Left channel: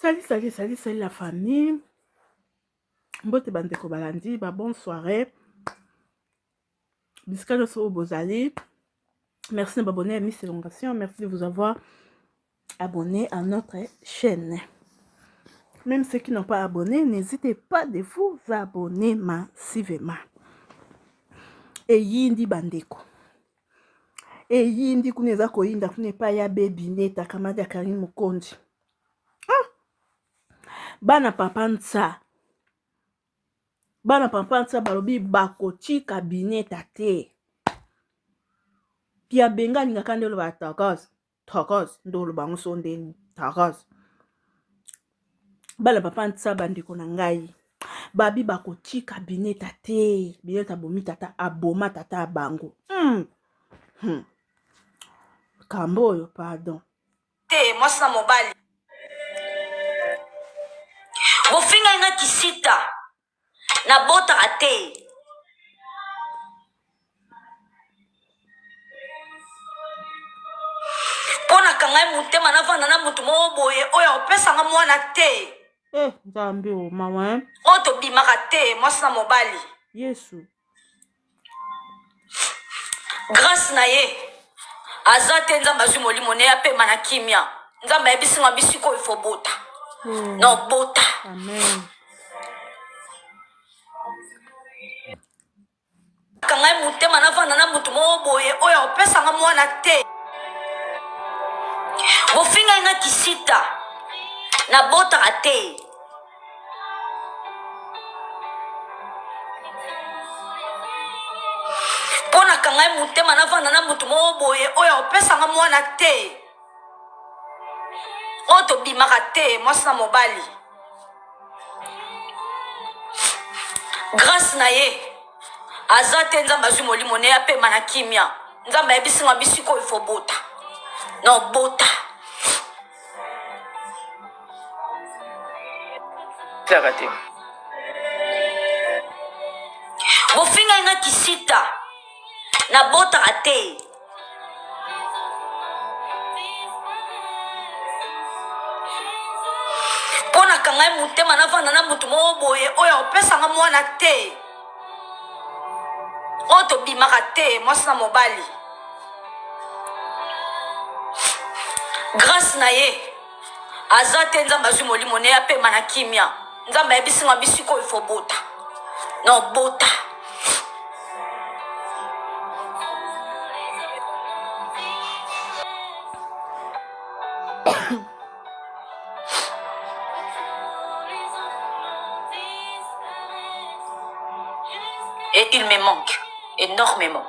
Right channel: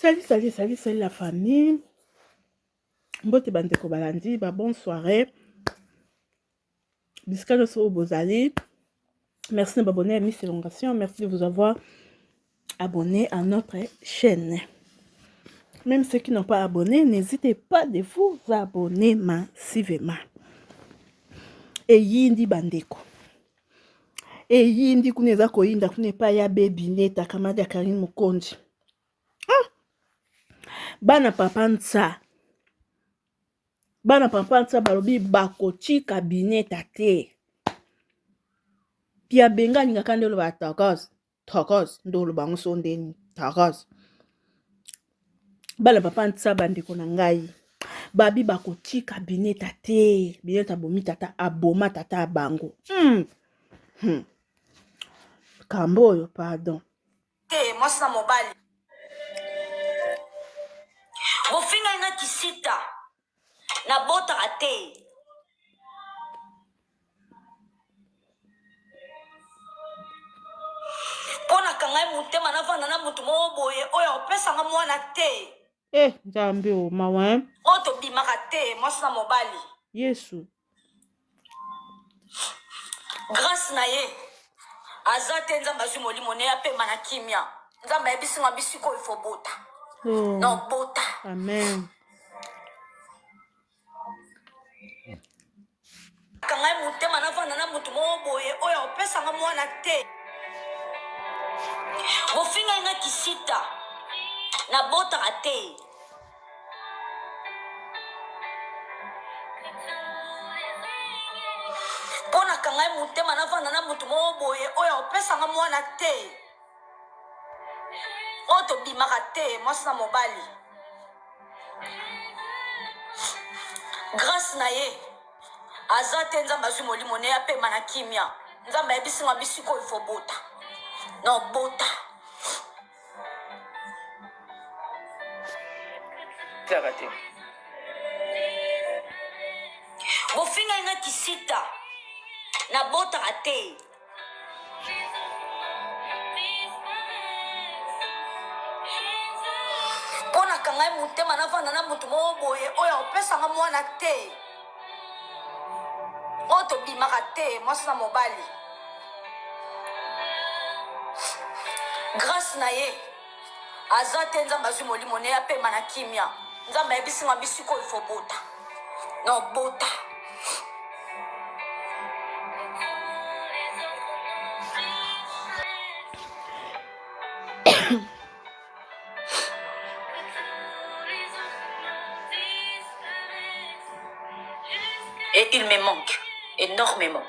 Salut la famille. Mbote bandeko balandi, bonne soirée. Biscano au Bozali. Merci de m'abonner à Miss Elongation. Merci de vous avoir abonné à notre chaîne. Même ceux qui n'ont pas abonné, n'hésitez pas de vous abonner massivement. Et yindi bandeko. Et yindi kuneza koyinda kunepa ya baby neta kamada Karim Mukonji. Bana papa nsa balobi bakoti cabinet tate. Pia benga ninga kandelo ba takos ndolo bango sondeni takos. Bana papa nsa bandeko na ngai. Babi bakoti cabinet tate. Binet abomi tata aboma tata bango. Kamboyo pardon. Moi ça mobile. Bofinga inga kisita na bota ate. Pona kangai mutema na vana na mutu mo boye oya opesa nga mwana te. Jambi o mawa. Oto bimaka te moi ça mobile. Yesu. Grâce na ye. Azate nzamba zumoli mone ape manakimia. Nzamba ebisinga bisiko ifo bota. Non bota. Amen. Kangai mutema na vana na mutu mo boye oya opesa nga mwana te. Bofinga inga kisita na bota ate. Pona kangai mutema na vana na mutu mo boye oya opesa nga mwana te. Oto bimaka te moi ça mobali. Grâce na ye. Azate nzamba zumoli mone ape manakimia. Nzamba ebisinga bisiko ifo bota. Non bota. Arrêtez. Bofinga inga kisita na bota ate. Pona kangai mutema na vana na mutu mo boye oya opesa nga mwana te. Oto bimaka te moi ça mobali. Grâce na ye. Azate nzamba zumoli mone ape manakimia. Nzamba ebisinga bisiko ifo bota. Non bota. Et il me manque énormément.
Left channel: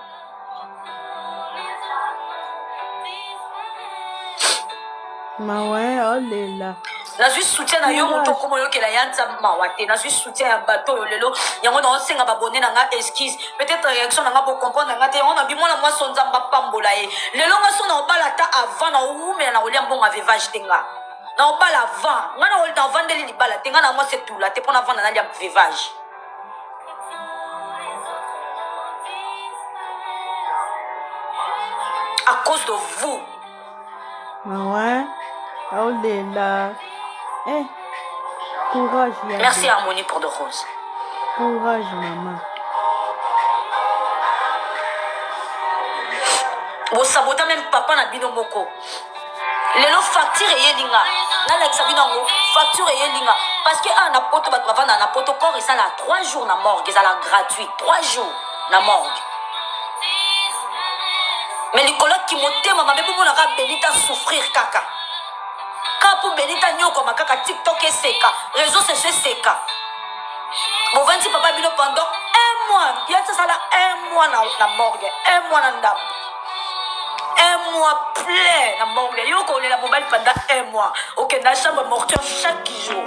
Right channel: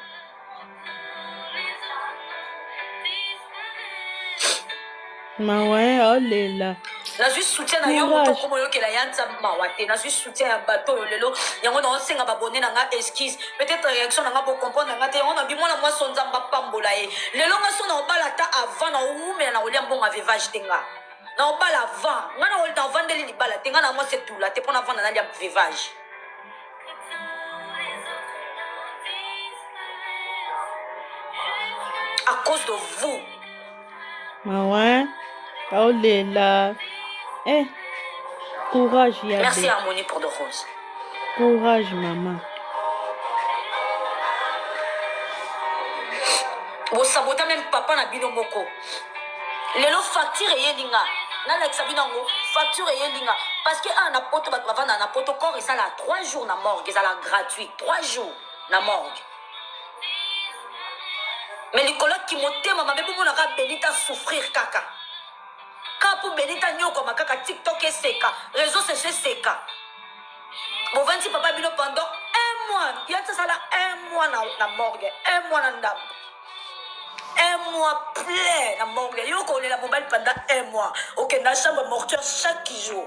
Mawe olela. Nazwi soutien na yo moto komo yo ke la yanza mawate. Nazwi soutien ya bateau lelo. Yango na osenga babone na nga esquisse. Peut-être réaction na nga bo comprendre nga te. On a bimona moi son nzamba pambola ye. Lelo nga so na obala ta avant na oume na olia mbonga vivage tenga. Na obala avant. Nga na ol na vandeli li bala tenga na moi c'est tout là. Te pona vanda na lia vivage. À cause de vous. Ouais. Olela. Courage, Yabé. Merci Harmonie pour de roses. Courage, maman. Vous sabotez même papa na bino moko. Lelo facture yelinga. Na l'exa binango facture yelinga. Parce que na poto bat bavana na poto corps et ça là 3 jours na morgue, ça là gratuit 3 jours na morgue. Mais les collègues qui m'ont maman bébé mon arabe Benita souffrir kaka. Kapo Benita nyoko makaka TikTok et seka, réseaux sociaux seka. Bon 26 papa bino pendant 1 mois, il y a ça là 1 mois na morgue, 1 mois na ndam. 1 mois plein na morgue. Yo ko la mobile pendant 1 mois. OK, na chambre mortuaire chaque jour.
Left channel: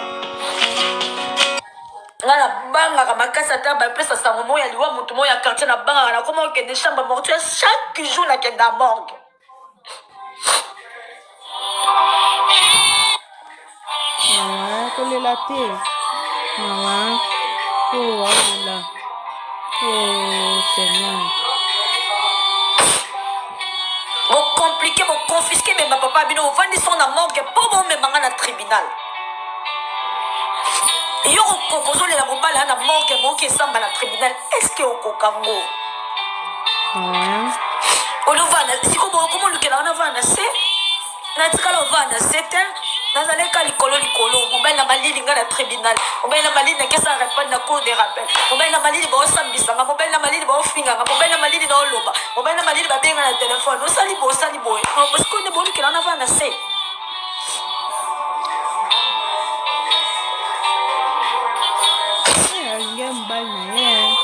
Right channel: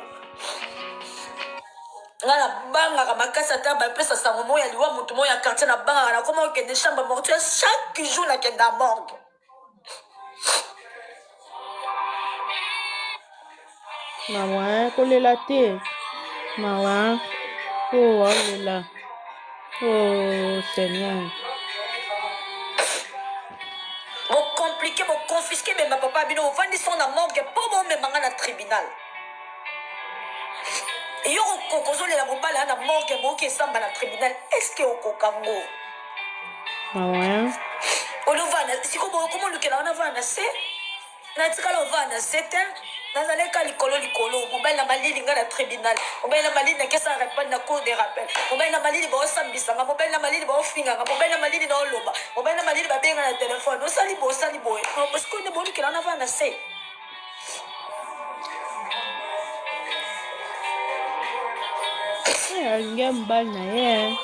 Ngala banga kama kasa tamba pesa sango moya liwa mutu moya quartier na banga na comment que des chambres mortuaires chaque jour na kenda morgue. Mawa kolela te. Mawa. Oh olela. Oh Seigneur. Vous compliquez, vous confisquez, mais ma papa bino vous vendez son morgue pour bon me manga na tribunal. yo okozolela mobala na morgue moke esamba na tribunal, est-ce que okokango olovana sikobo okomolukela wana vana se natikala ovanda se te nazaleka likolo mobali na malili nga na tribunal, mobali na malili nakesa repane na cour de rappel, mobali na malili baosambisanga, mobali na malili baofinganga, mobali na malili na oloba, mobali na malili babenga na telefone osali boye sikoyo nde bolukela wana vanda se alingia mobali na ye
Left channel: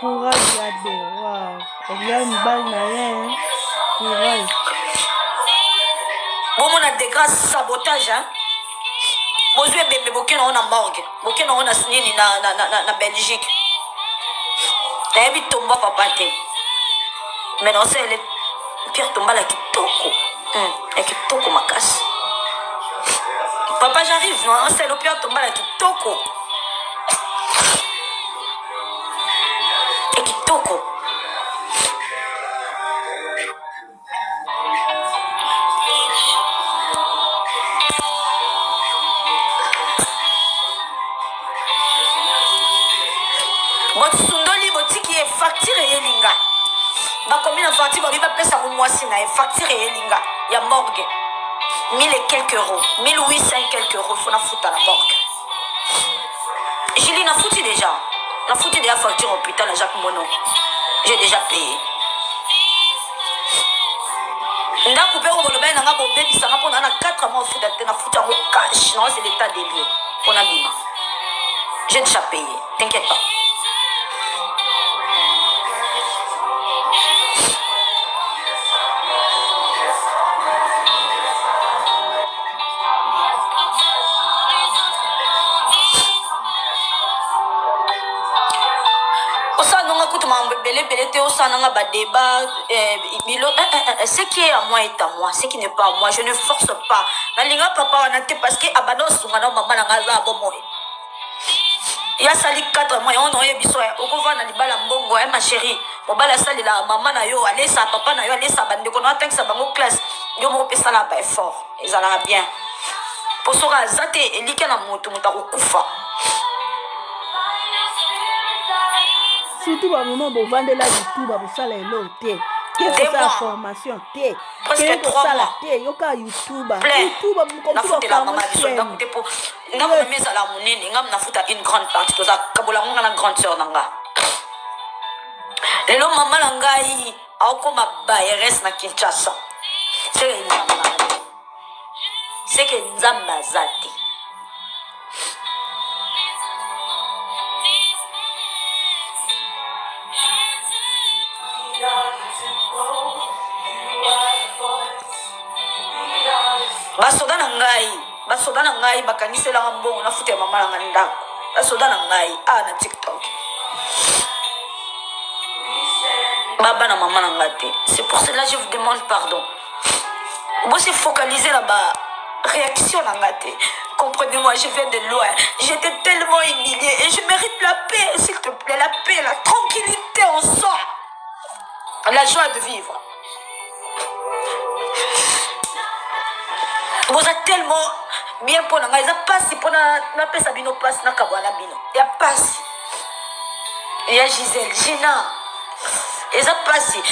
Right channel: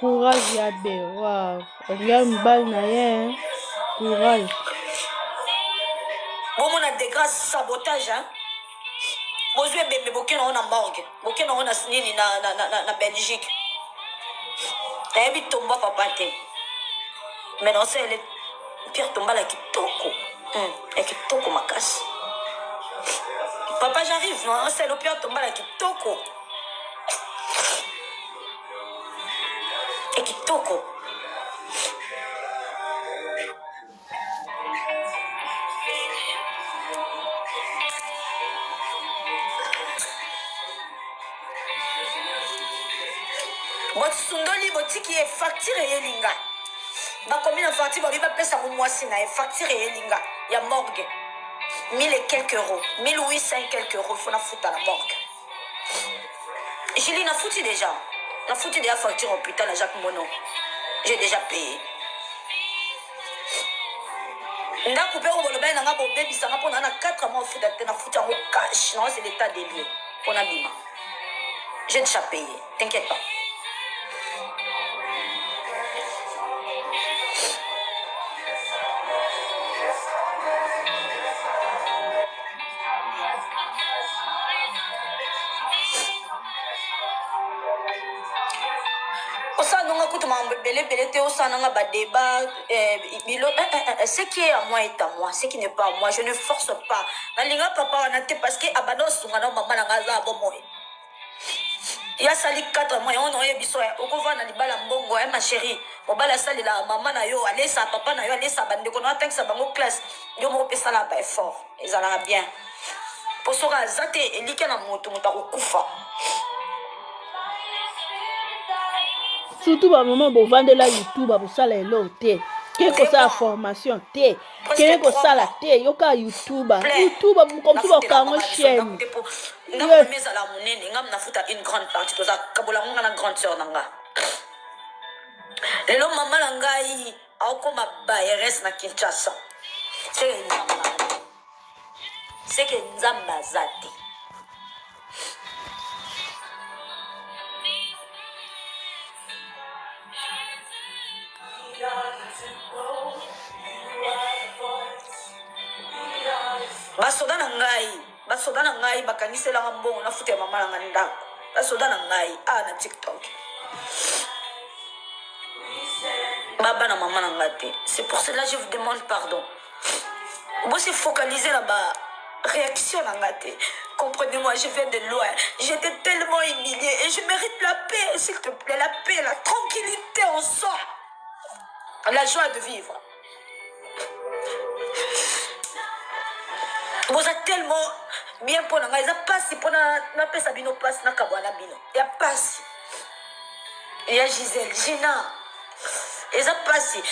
courage ya be wow alingia mobali na ye courage bomona degrade sabotage bozwi ebembe bokena ngo na morgue bokena ngo na nini na belgique nayebi tomba papa te mais naosele pierre tombala ya kitoko makasi papa j'arrive naosele pierre tombala ya kitoko ya kitoko bosundoli botiki ye facture eyelinga bakomi na facture babi bapesa mo mwasi na ye facture eyelinga ya morgue 1000 et quelques euros 1800 et quelques euros fona futa na morgue Julie nafuti déjà facture hôpital à Jacques Mono j'ai déjà payé ndako mpe obolobali nanga bobebisanga mpona na 4 mois ofuta te nafuta yango cash non c'est l'état des lieux mpona bima j'ai déjà payé t'inquiète pas osananga kutuma belebele te osananga badébat bilo ce qui est à moi est à moi ce qui n'est pas à moi je ne force pas nalinga papa wana te parce que abanda osunga na mama nanga aza abomoye yasali 4 mois yango naoyebi so okovanda libala mbongo ma chérie mobala asalela mama na yo alesa papa na yo alesa bandeko na atangisa bango classe yo moko pesala ba effort ezalaka bien po soka aza te elike na moto akokufa surtout bamama bovandela youtube bosala elo te ke kosala formation te ke kosala te yoka youtube komsi bakango chaîne ngamami ezala monene ngam nafuta une grande partie toza kabola ngonga na grande sœur na nga lelo mama na ngai aokoma bayeres na Kinshasa seke nzambe aza te basoda na ngai bakangiselanga mbongo nafuta ya mama nanga ndako basoda na ngai na TikTok baba na mama nanga te c'est pour cela je vous demande pardon vous se focaliser na ba réaction nanga te comprenez-moi je viens de loin j'étais tellement humiliée et je mérite la paix s'il te plaît la paix la tranquillité en soi la joie de vivre vous êtes tellement bien pour nanga eza pasi pona napesa bino pasi nakabwana bino ya pasi ya Gisèle Gina eza pasi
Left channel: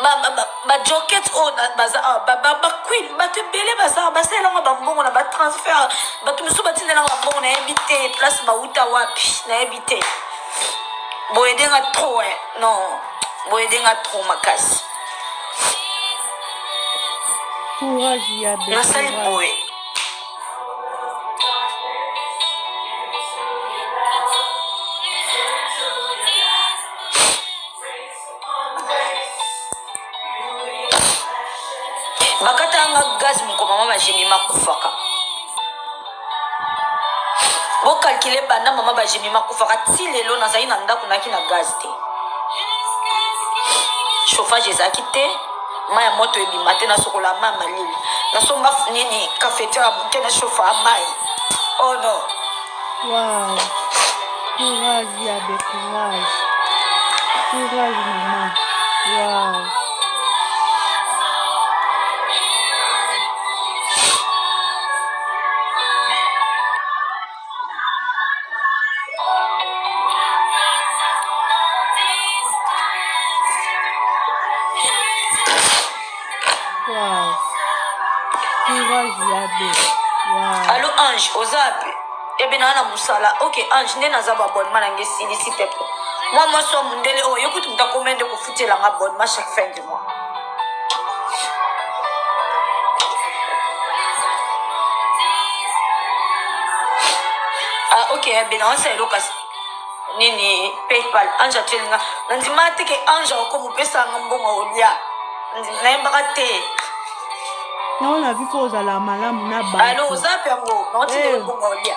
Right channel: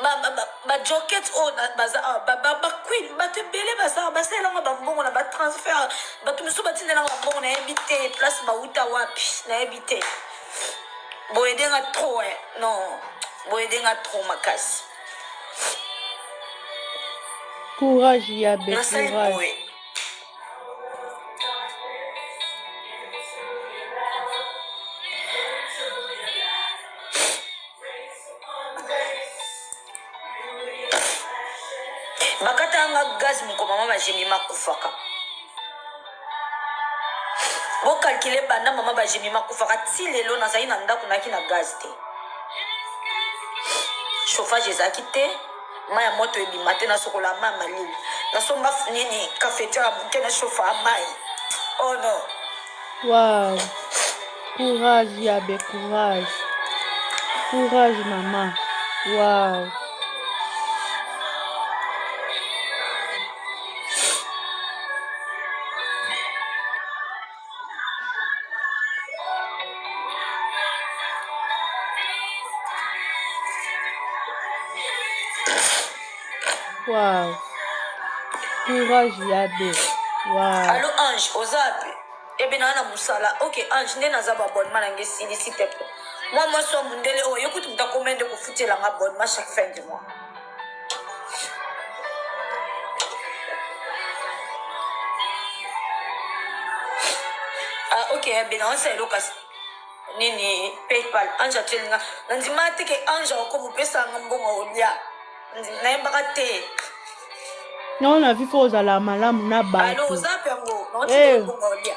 ba joket o baza ba queen bato ebele baza basalelanga bambongo na batransfert bato mosusu batindelanga bambongo nayebi te place bauta wapi nayebi te boyedenga trop non boyedenga trop makasi courage ya be nasali boye bakatanga gaz mokoma mama bajemi makufaka bokalkile banda mama bajemi makufaka ti lelo nazali na ndako naki na gaz te chauffage ezalaki te mai ya moto ebima te nasokola mai malili nasomba nini cafetiere moke na chauffa mai oh non wow courage ya be courage mama wow Wow. Courage, Yabé. Wow. Allô, Ange, Ozape. Eh bien, on a Moussala. Ok, Ange, n'est pas abonnement à s'il te plaît. Moi, je suis mon délai. Oh, écoute, tu as combien de foutre l'abonnement chaque fin de mois? Ah, ok, eh bien, on sait l'occasion. Nini, PayPal, Ange, tu es là. Nanti mate que Ange, comme on peut s'en bon au dia. Nanti non, on a vu faut à la malam na ba. Allô, Ozape, non, tu es bon au dia.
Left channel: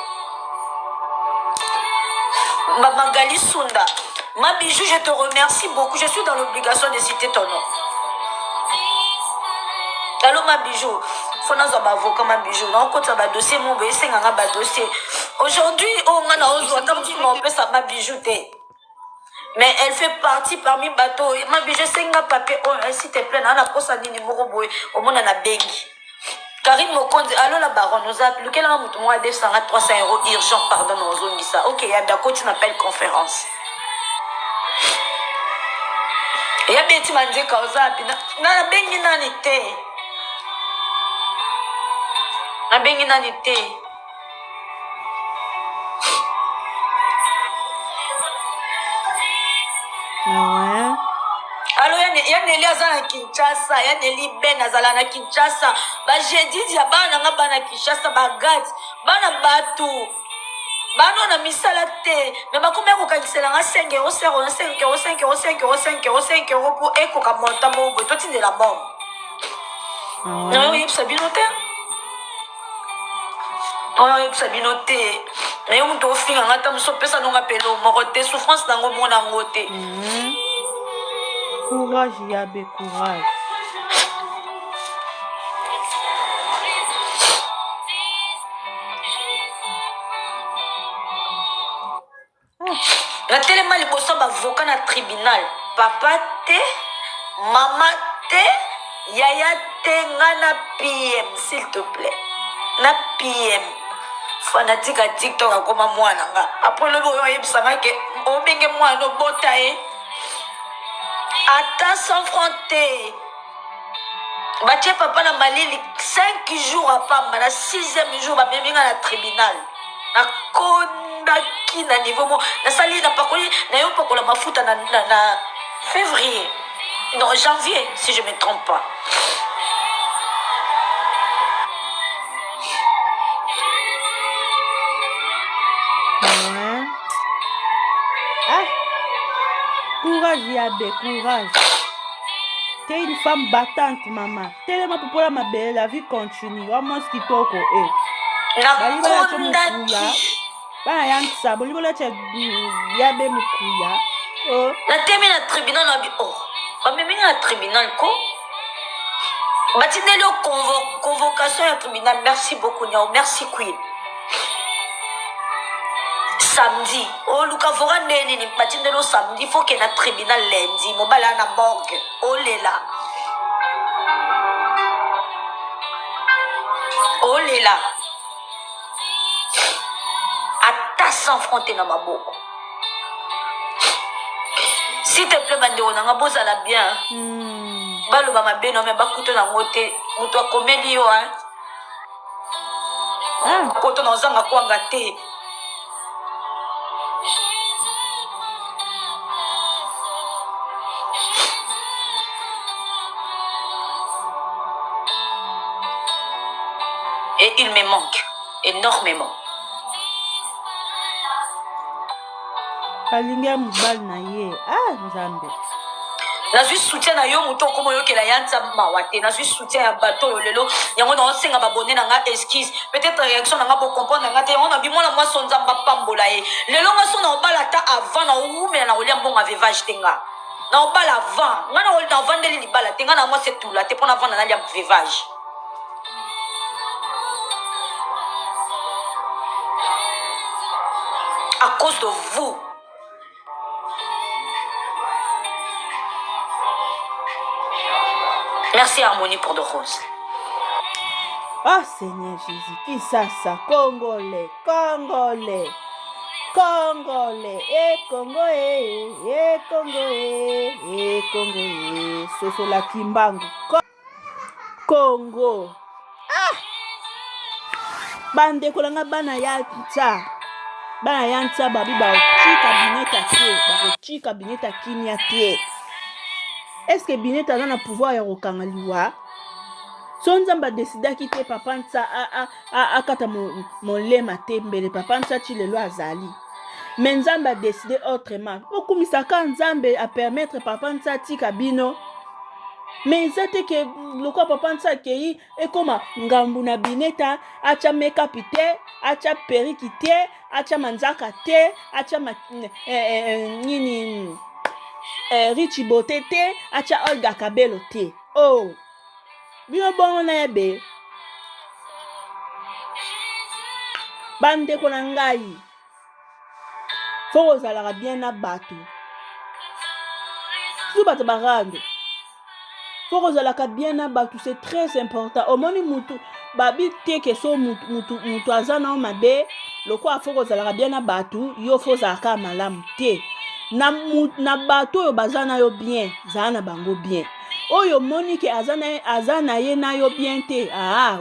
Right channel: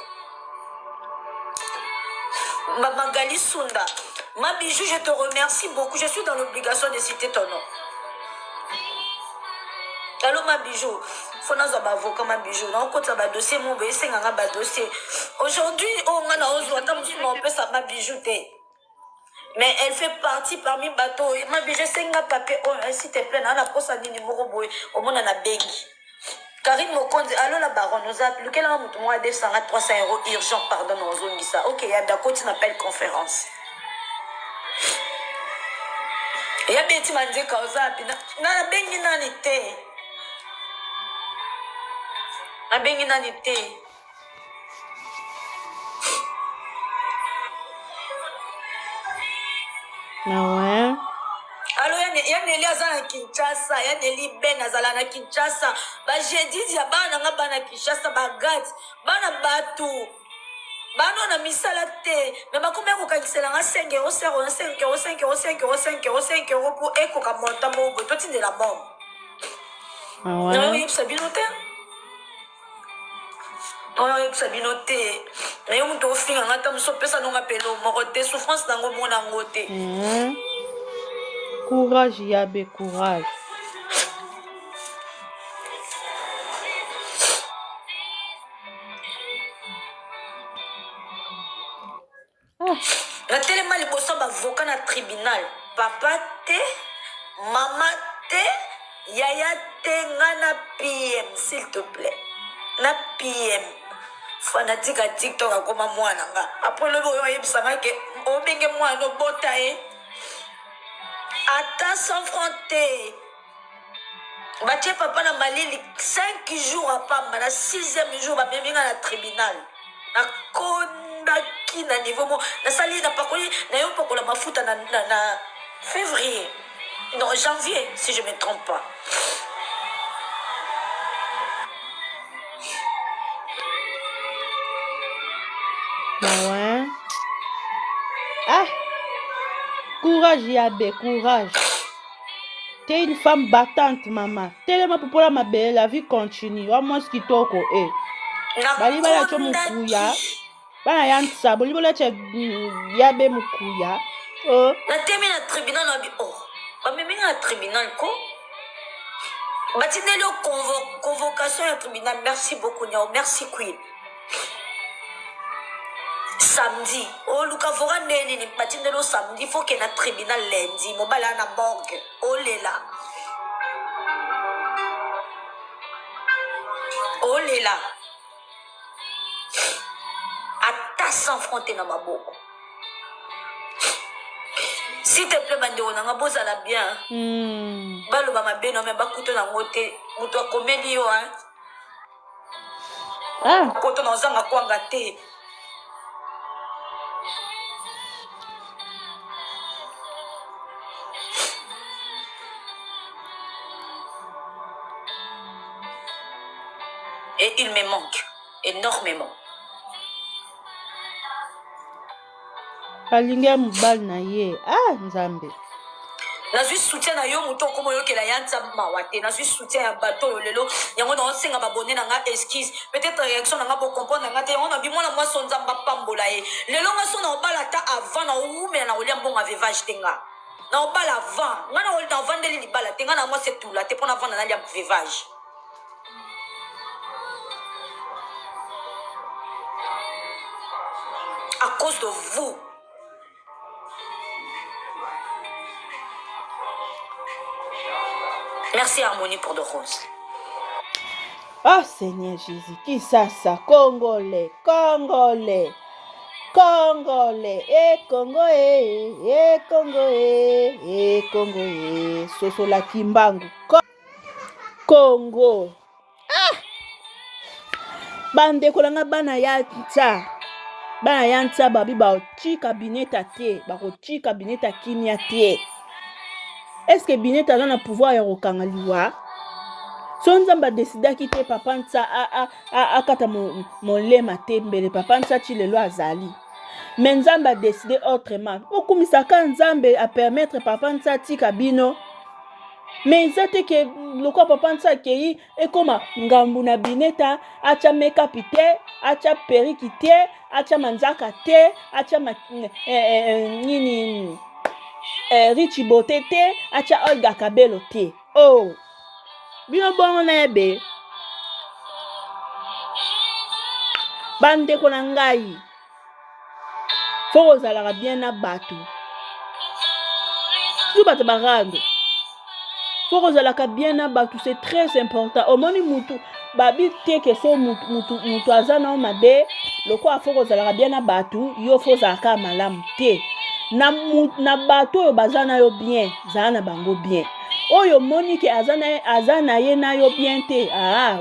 Magali Sunda, ma bijou, je te remercie beaucoup. Je suis dans l'obligation de citer ton nom. Allô, ma bijou. Faut nous avoir avocat, ma bijou. Non, quand ça va dossier, mon bébé, c'est un dossier. Aujourd'hui, on a on ma bijou. Mais elle fait partie parmi bateau. Ma bijou, c'est un papier. S'il te plaît, on a posé un numéro au monde, on a bégi. Karine Mokonde, allô la baronne, nous a appelé. Quel est le mois de 300 € urgent, pardon, nous avons dit ça. Ok, il y a d'accord, tu m'appelles conférence. Il y a bien, tu m'as dit qu'on a appelé. Na bengi nanite. Na bengi nanite. Ouais. Allo, il y a Nelly Azana Kinshasa, il y a Nelly Ben Azalana Kinshasa. J'ai dit, il y a Bana Bana Kinshasa, Bagat, Bana Batu. Bana na misalate. Mais ma combien vous cancellez 5 €, 5 €, 5 €, 5 €, 5 €, 5 €, 5 € pour Eko Kamonta Mobo. Toi, tu es la bombe. Non, il y a Sabinote. Non, il y a Sabinote. Mais on doit finir en attendant, so pesa non appelo, morote, souffrance dans le monde en côté. Courage, Yabé, courage. Na tellement liboso bavoka na tribunal papa te mama te yaya te nga na PM s'il te plaît na PM fanatika TikTok akoma mwana nga après lobi oyo oyebisanga ke obenge mwana obota ye ata sans fronte batie papa na malili 5 jours apamba na 6e jour bameminga na tribunal nakondaki na niveau mo nasali napakoli nayo pakola mafuta na février non janvier si je me trompe pas. Ouais. Ah. Courage Yabé, courage. T'es une femme battante, maman. Tellement pour la belle, la vie continue. Vraiment ce qui toque, eh. Bali bala cho mukuya. Bana yantsa, bali bala cho Yabé mukuya. Oh. Na temi na tribunal na bi oh. Ba memi na tribunal ko. Batindeli convocation ya tribunal. Merci beaucoup Nyao, merci Queen. Samedi, oh Luka Vora neni ni batindeli samedi, faut que na tribunal lundi, mobala na morgue. Oh lela. Oh lela. Ata sans fronter na maboko. S'il te plaît, bande on a beau la bien. Balo ba mabe no me bakuto na ngote, muto akomeli yo hein. Koto na zanga kwanga te. Et il me manque énormément. Kalinga mubal na ye. Ah, Nzambe. Na suis soutien na yo muto komo yo kela yanza mawate. Na suis soutien ya bato yo lelo. Yango na osenga babone na nga esquisse. Peut-être réaction na nga bo comprendre nga te. On a bimona moi son nzamba pambola ye. Lelo nga son na obala ta avant na oume na olia mbonga vevage tenga. Na obala avant. Nga na olia na vandeli libala tenga na moi c'est tout là. Te pona vanda na lia vevage. À cause de vous. Merci Harmonie pour de roses. Oh Seigneur Jésus, qui ça? Congolais, Congolais, Congolais, Congo, Congo, Congo, Soso la Kimbangu. Congo. Bande kolanga bana ya tsa. Bana ya tsa babi ba tika bineta te, ba tika bineta kimia te. Est-ce que bineta a na pouvoir ya kokanga liwa? So nzamba décida kite papa ntsa akata molema te mbele papa ntsa ti lelo azali. Mais nzamba décidé autrement. Okumisaka nzambe a permettre papa ntsa tika bino. Mais ça te que le quoi papa ntsa kei ekoma ngambu na bineta acha make-up te, acha periki te, acha manzaka te, acha nini Richie Bote te, acha Olga Kabelo te. Oh, bino bongo na ebe. Bande ko na ngai. Faut ozalaka bien na bato. Si bato barando. Faut ozalaka bien na bato, c'est très important. Omoni mutu babi te ke so mutu azana o mabe, lokwa faut ozalaka bien na bato, yo faut zaka malamu te. Na bato oyo bazana yo bien, zana bango bien. Oyo moni ke azana ye na yo bien te.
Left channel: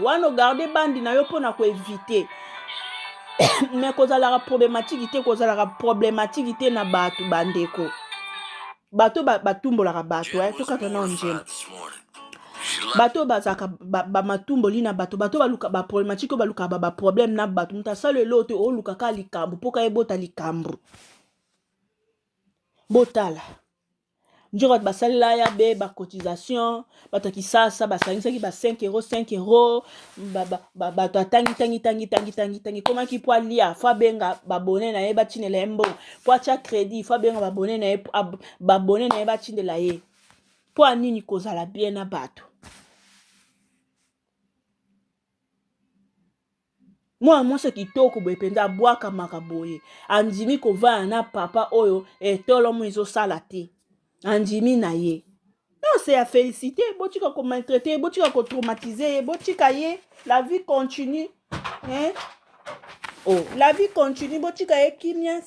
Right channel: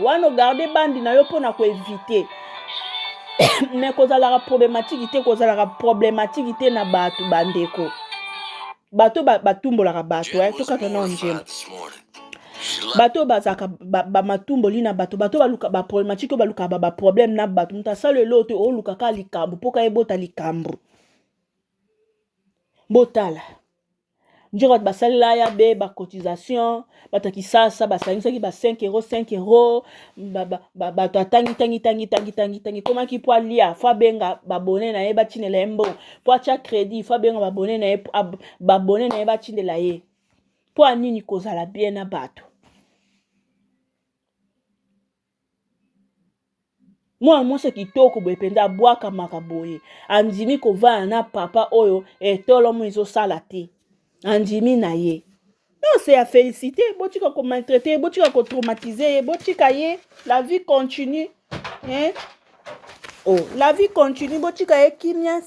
Wano garder bandi na yo pona ko éviter. Mais kozalaka problématique te na bato bandeko. Bato batumbolaka bato, tokata na onjela. Bato bazaka bamatumboli na bato baluka ba problématique baluka ba problème na bato. Mutasalo elote o luka ka likambo poka ebota likambo. Botala. Njoko basalela ya be ba cotisation, bataki sasa basangisaki ba 5 €, bato tangi koma ki po alia fa benga babone na ye batinela embo po acha crédit fa benga babone na ye babone na ye batinela ye po anini kozala bien na bato. Mwasi kitoko boye penza abwaka makaboye andimi kovana na papa oyo etolo mo ezosala te. Andimi na ye. Non, c'est à féliciter. Botika ko maltraiter, botika ko traumatiser, botika ye. La vie continue. Hein? Oh, la vie continue. Botika ye kimia,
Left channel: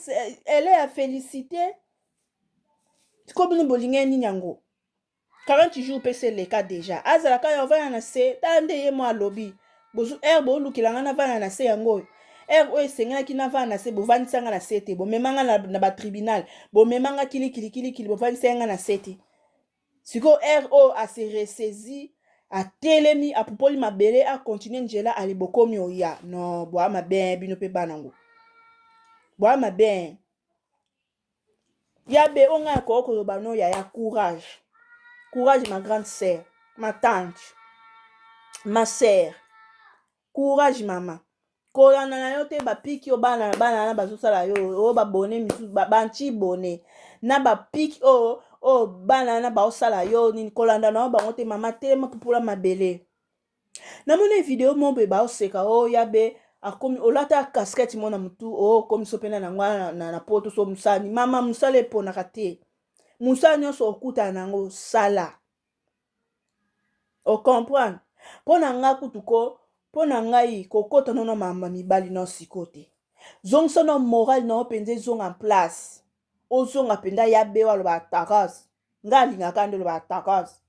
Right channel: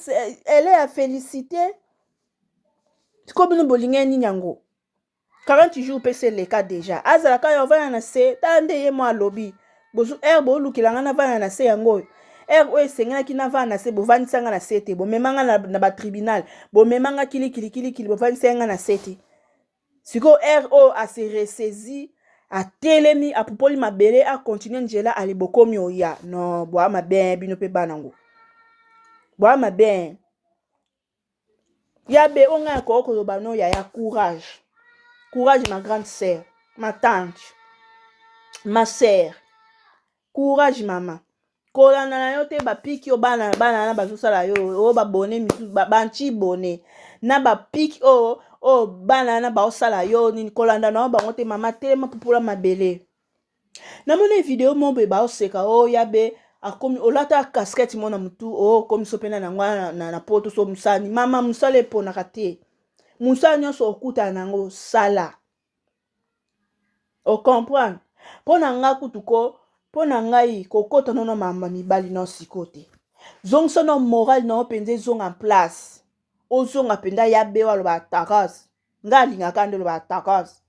elle est à féliciter. Comme nous bolinga ni nyango. 40 jours pese le cas déjà. Azala ka yo vana na se, tande ye mo lobby. Bozu bo lukilanga na vana na se yango. O esenga ki na vana se bo vanisanga na sete, bo memanga na ba tribunal, bo memanga kili bo vanisanga na sete. Siko RO a se ressaisi, a telemi, a popoli mabele, a continué njela ali bokomi oya. Non, boa ma ben bino pe banango. Boa ma ben. Yabe onga ko bano ya courage. Courage ma grande sœur, ma tante, ma sœur. Courage maman. Kolanda na yo te ba piki o bana na bazosala yo o ba bone misu banchi bone na ba piki o bana na ba osala yo ni kolanda na ba ngote mama te ma pupula mabele. Na mona video mombe ba oseka o yabe akomi olata casquette mona mutu o komi sopena na ngwa na poto so musani mama musale pona kate. Musani so okuta nango sala. O comprendre? Pona nga kutuko pona ngai kokota nono mama mibali no sikote. Zongso no moral no penze zong en place. Ozonga penda ya bewa lo ba takas. Ngali ngakande lo ba takas.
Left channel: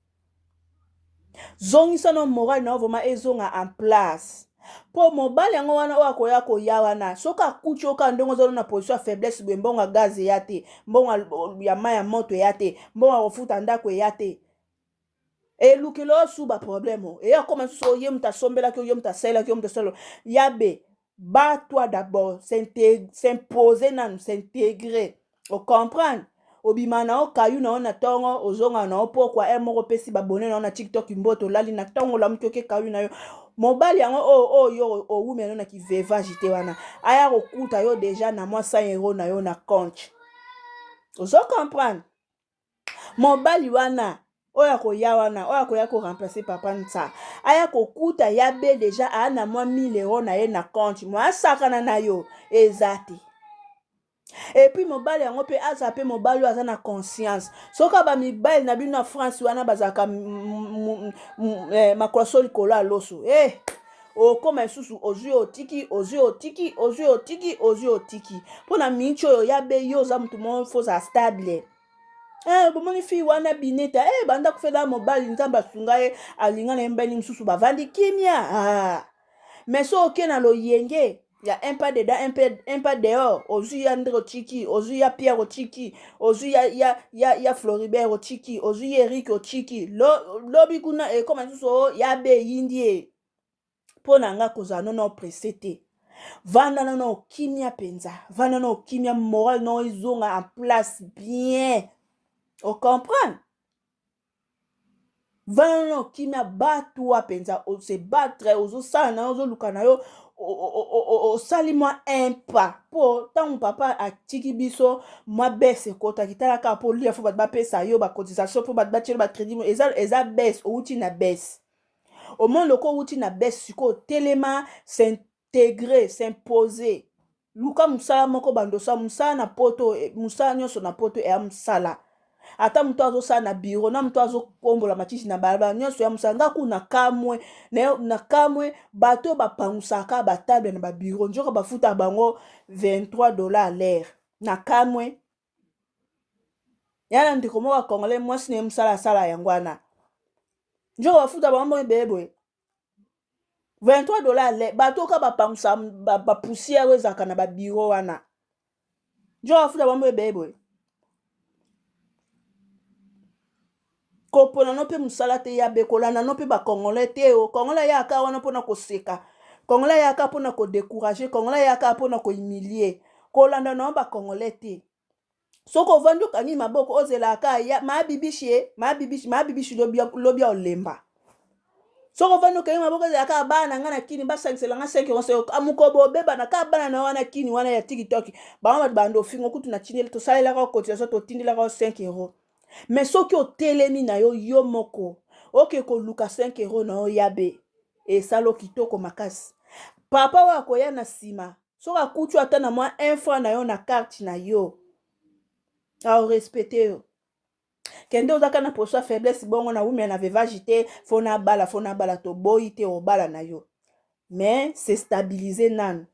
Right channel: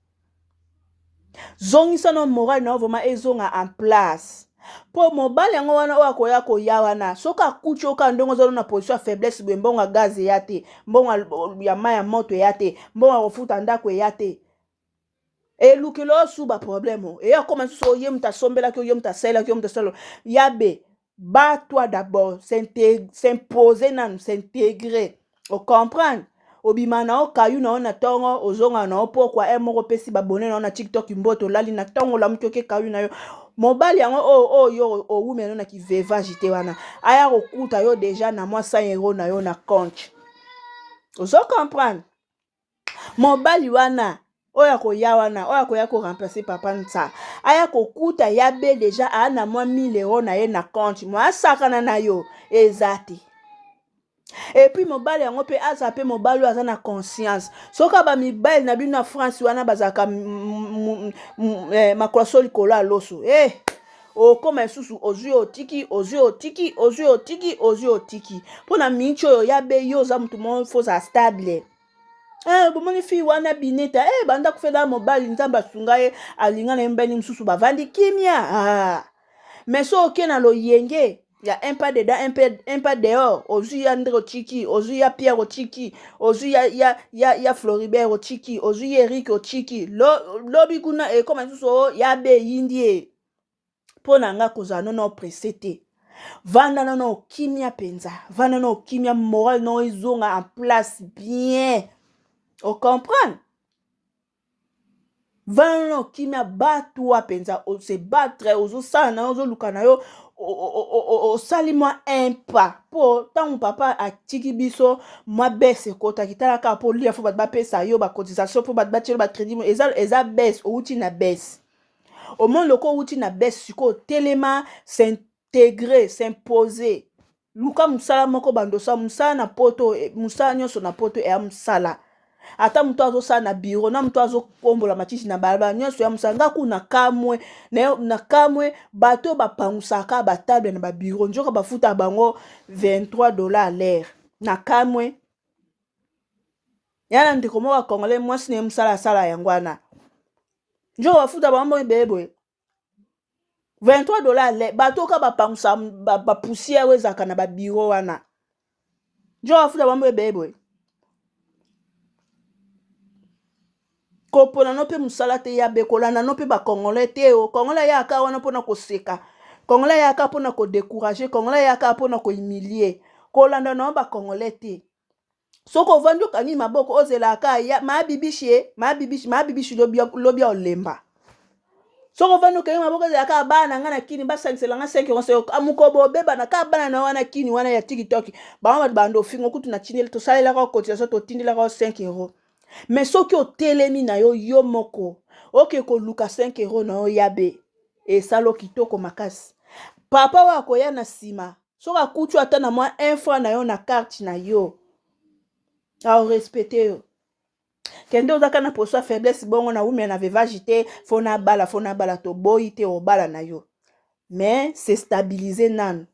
Zongso no moral no voma ezonga en place. Po mobali yango wana o akoya ko ya wana soka kuchi oka ndongo zo na position faiblesse be mbonga gaz yate mbonga ya maya moto yate mbonga ofuta ndako yate. Et lukilo suba problème. Et ya comme so yem ta sombela que yem ta sela que yem ta solo. Yabe, bat-toi d'abord, s'imposer nan, s'intégrer. O comprendre? Obimana o kayu na ona tongo, ozonga na o pokwa emoko pesi babone na ona TikTok mboto lali na tongo la mtoke kayu na yo. Mobali yango yo o women na ki veva jite wana. Aya okuta yo déjà na moi 100 € na yo na compte. Ozo comprendre? Mobali wana oya koya wana oya koya ko remplacer papa ntsa aya kokuta yabe déjà ana mwa 1000 € na ye na compte moi sakana na yo ezati et puis mobali yango pe aza pe mobali aza na conscience soka ba mibali na bino na France wana bazaka makwaso likolo aloso o koma susu ozui otiki pona mincho yabe yo za mutu mo foza stable Bomoni fi wana bineta banda kufeda mobali nzambe asunga ye alinga na mbeni msusu bavandi kimia mais so oke na loyenge ya un pas dedans un pas dehors ozwi ya Ndre Ochiki ozwi ya Pierre Ochiki ozwi ya Floribert Ochiki ozwi ya Eric Ochiki lobi kuna ekoma msusu ya be yindie mpo na nga kozala nono presse te vanda nono okimia penza vanda nono okimia moral no ezonga en place bien o comprendre vanda nono okimia batwa penza se battre ozosala na yo ozoluka na yo osali mwa impa mpo ntango papa atiki biso mwa bese ekotaki tala kaka mpo lia fo bato bapesa yo bacotisation mpo bato batielo bacrédit eza bese outi na bese omoni loko outi na bese sikoyo telema s'intégrer s'imposer luka mosala moko bandosa mosala na poto mosala nyonso na poto eya mosala ata moto azosala na biro na moto azokombola matiti na balabala nyonso ya mosala nga kuna na kamwe bato bapangusaka batable na babiro njoka bafuta bango $23 à l'heure na kamwe yana ndeko moko akongole mwasi na mosala asala yango wana njoka bafuta bango ebeboye $23 à l'heure bato ka bapangusa bapoussière oyo ezalaka na babiro wana njoka bafuta bango ebeboye kopona no mpe mosala te ya be kolanda no mpe bakongole te o kongole yaka wana mpona koseka kongole yaka mpona kodécourage kongole yaka mpona kohumilie kolanda na yo bakongole te soki ovandi okangi maboko ozelaka mabibishi lobi ya olemba soki ovandi okangi maboko ozelaka bana nga na kini basangiselanga 5 amukobo obebana ka bana na wana kini wana ya tiktok bango bato bando ofingo kutu na tindeli tosalelaka cotisation totindelaka 5 €. Mais soki otelemi na yo yo moko oke koluka 5 € na yo yabe esalo kitoko makasi papa wa akoya na nsima soki akuti ata na mwa 1 franc na yo na carte na yo aorespecte yo kende ozaka na poso ya faiblesse bongo na umia na veuvage te fo nabala toboyi te obala na yo mais se stabiliser nanu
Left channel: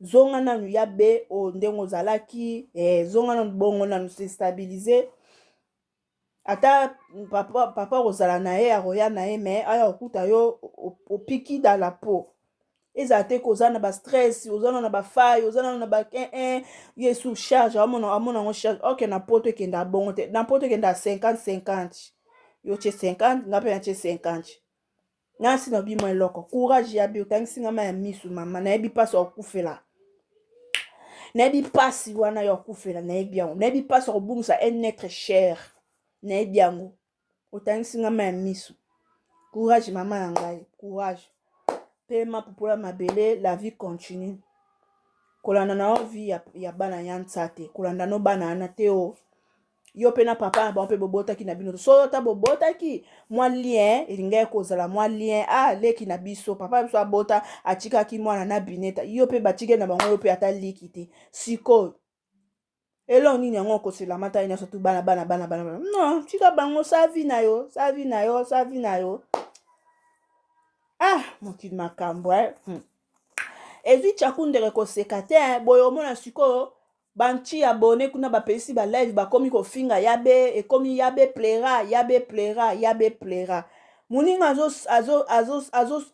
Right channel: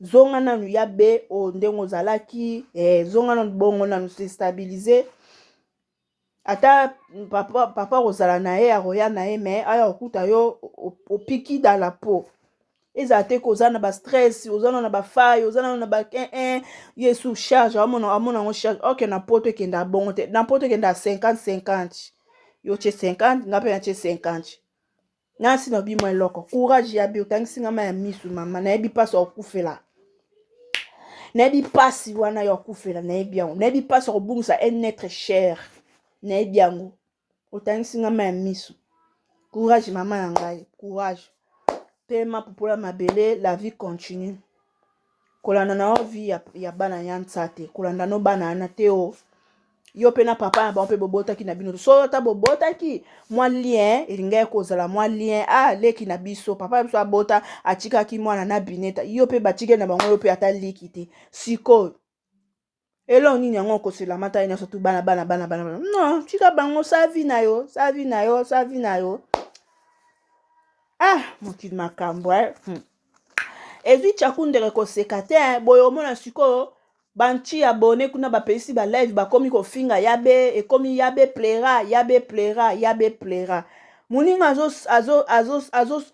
zonga nanu yabe o ndenge ozalaki zonga nanu bongo nanu se stabiliser ata papa kozala na ye akoya na ye me aya okuta yo opiki dans la peau ezala te koza na bastress oza na bafaille oza na ba ye sous charge amona ngo charge oke na poto ekenda bongo te na poto ekenda 50-50 yo tie 50 nga mpe na tie 50 nasi na bimo eloko courage ya bi otangisi nga ma ya misu mama nayebi mpasi okufela nayebi mpasi wana ya okufela nayebi yango nayebi mpasi okobungisa un être cher nayebi yango otangisi nga ma ya misu courage mama ya ngai courage pema popola mabele la vie continue kolanda na yo vie ya bana ya nsa te kolanda no bana ana te o yo mpe na papa na bango mpe bobotaki na bino so ata bobotaki mwa lien elinga ekozala mwa lien leki na biso papa biso abota atikaki mwana na bineta yo mpe batike na bango yo mpe ata liki te sikoyo eloko nini yango okoselama ta nyonso tu bana non tika bango savi na yo mokili makambo ezwi tshakundere koseka te boye omona sikoyo banti abone kuna bapesi balive bakomi kofinga yabe ekomi yabe plera moninga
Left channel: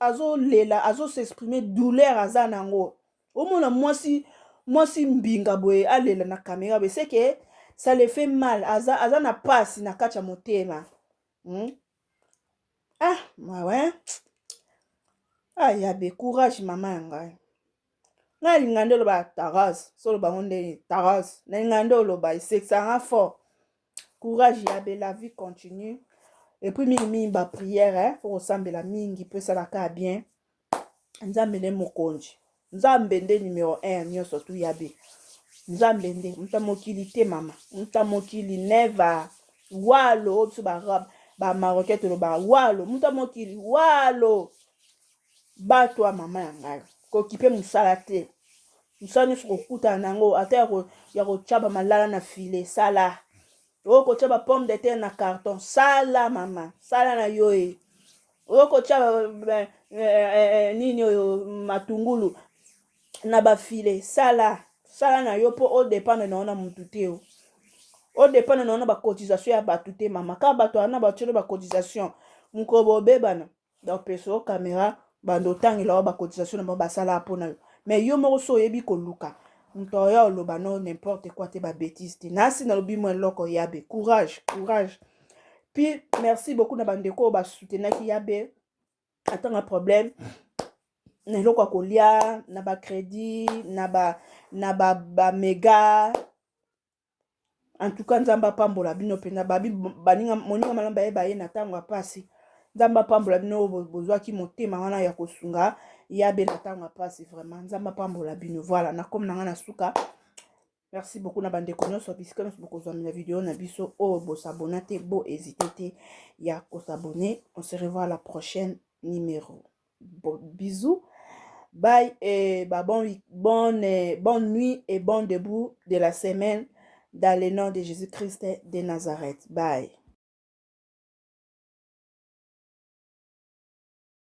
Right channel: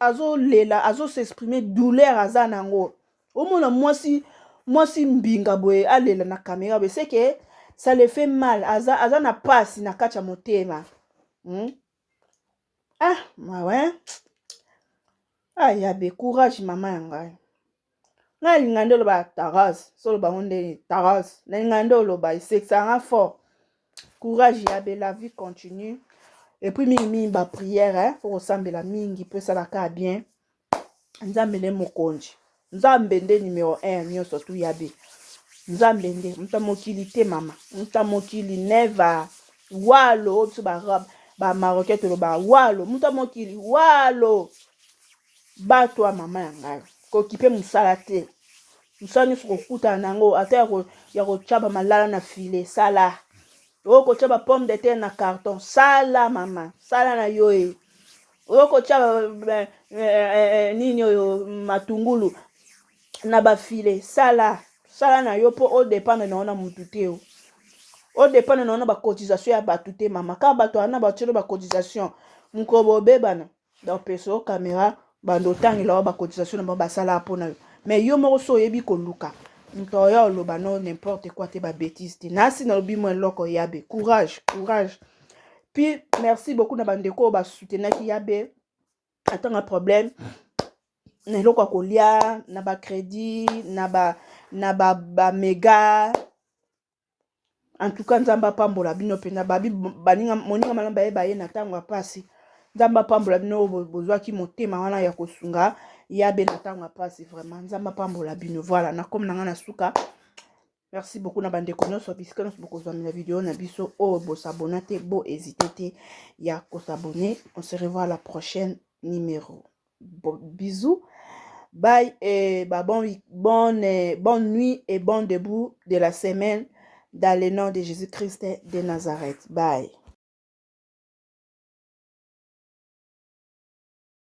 azolela azosexprime douleur aza nango omona mwasi mbinga boye alela na kamera boye seke ça le fait mal aza na pasi na kati ya motema mawe yabe courage mama ya ngai nalinga nde oloba taras so oloba ngo ndenge taras nalinga nde oloba esekisanga fort courage yabe la vie continue et puis mingi baprière fo kosambela mingi mpo esalaka bien nzambe nde mokonzi nzambe nde numéro 1 nyonso tu yabe nzambe nde muta mokili te mama muta mokili neva walo oyo biso bamarocain toloba walo muta mokili walo bato ya mama ya ngai kokipe mosala te mosala nyonso kokutana nango ata ya kotya bamalala na file sala oyo kotya bapomme de terre na carton sala mama sala na yo oyo kotya nini oyo matungulu na bafile sala na yo mpo odépendre na yo na mutu te au dépend de notre cotisation à batute maman quand bato ana batute ba cotisation mkobo bebana donc peso caméra bando tangi la ba cotisation na ba sala pona mais yo moko so yebi ko luka ntoya oloba no n'importe quoi te ba bêtise te nasi na lobi mo loko yabe courage puis merci beaucoup na bandeko ba soutenir ki yabe attends un problème na eloko kolia na ba crédit na ba méga en tout cas nzamba pambola bino pena babi baninga moninga malamba ye baye na tango apasi nzamba pambola bino bozwaki motema wana ya kosunga yabe na tango apasi vraiment nzamba pambola bino voilà na comme nanga na suka merci beaucoup na bandeko nyonso bisika nyonso bokozwami na video na biso oyo bosabona te bo hésité te ya kosabone on se revoit à la prochaine numéro bisous bye et bah bonne nuit et bon début de la semaine dans le nom de Jésus-Christ de Nazareth. Bye.